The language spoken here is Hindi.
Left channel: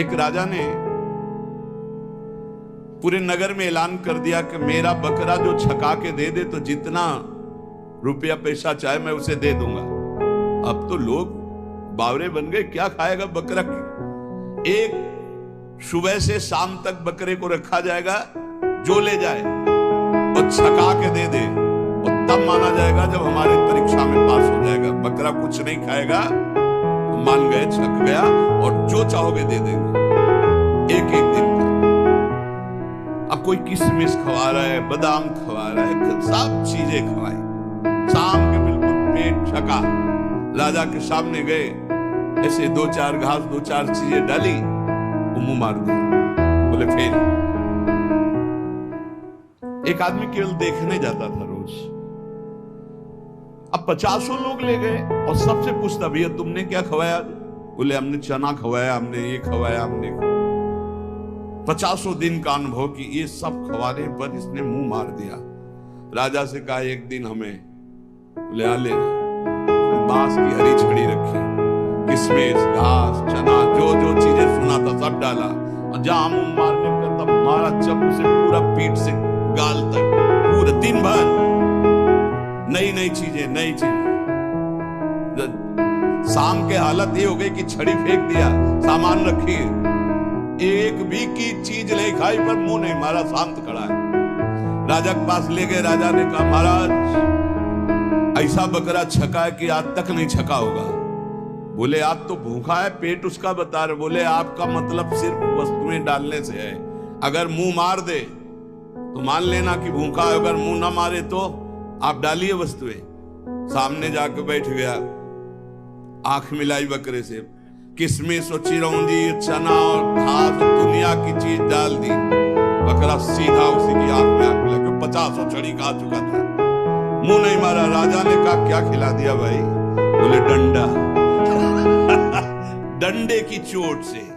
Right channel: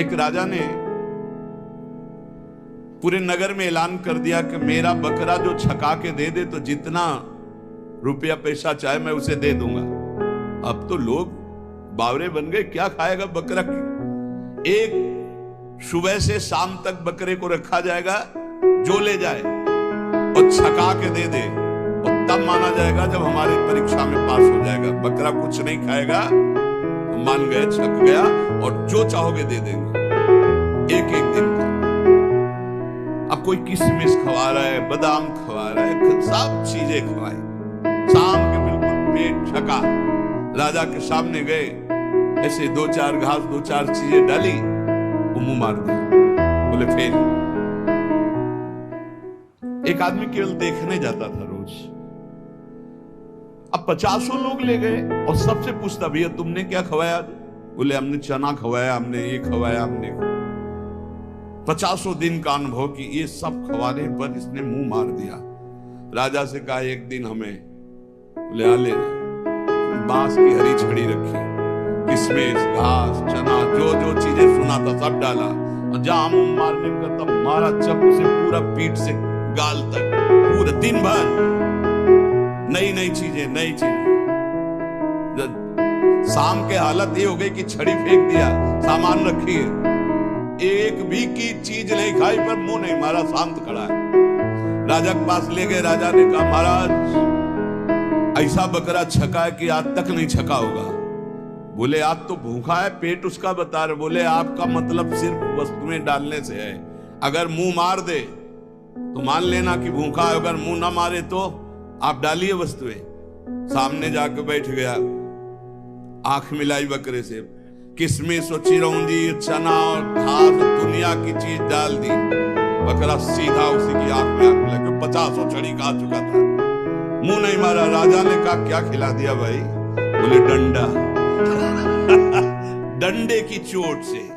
एक राजा ने पूरे नगर में ऐलान कर दिया कि मेरा बकरा जो छका के दे दे तो जितना रुपया पैसा चाहे मैं उसे दे दूंगा। अब तो लोग बावरे बन गए, क्या खाएगा बकरा? एक सुबह से शाम तक बकरे को रखा जाएगा, जो ले जाए और छका के दे दे, और तब माना जाएगा जब हमारी परीक्षा में पास हो जाएगा। बकरा कुछ नहीं खाएगा तो मान गए, छक गया, और जो चाहोगे दे देंगे एक एक दिन का। अब कोई किशमिश खवा रहा है, बादाम खवा रहा है, सब चीजें खवाई। शाम के बिल्कुल पेट छका, राजा के सामने गए, ऐसे दो चार घास दो चार चीजें डाली, वो मुंह मार दिया, बोले फेल। एक आदमी केवल देखने जाता था रोज, अब 50 लोग ले गए और सबसे पूछता, भैया तुमने क्या खवाया? बोले हमने चना खवाया, हमने ये खवाया, हमने 50 दिन का अनुभव कि ये सब खवाने पर इसने मुंह मार दिया। राजा से कहा एक दिन हमें, बोले आ लेना। बांस की हरी छड़ी रखी, किशमिश, घास, चना, जो जो चीजें सुना था सब डाला, और जहां मुंह मारने का तब मारा चाकू से, पूरा पीठ से गाल तक, पूरा दिन भर नई नई चीजें, नई चीजें। शाम के हालत ये हो गई कि छड़ी फेंक दिया, सामान रखी है, एक भी की चीज नहीं खाई पर मुंह नहीं मारा, शांत खड़ा है। राजा के पास ले गए, राजा ने कहा महाराज ऐसा बकरा छका है कि आज तक नहीं छका होगा। बोले आज तो भूखा है, पेट उसका बता रहे। बोले आपका मतलब सिर्फ वस्तुएं डालने से है, अगर मुंह मार दे तो मान लेना कि भूखा है, अगर मुंह ना मारे तो आप डालिए वस्तुएं। सामने जाकर बैठ गया, आंख मिलाई बकरे से, किशमिश और चिरौंजी, चना और घास, दुनिया की चीज डाल दी। बकरा सीधा उसी की आंख में आंख मिला, क्यों 50 छड़ी खा चुका था, मुंह नहीं मारा। राजा ने कहा क्या खिला दिया भाई? बोले डंडा। डंडे की चोट से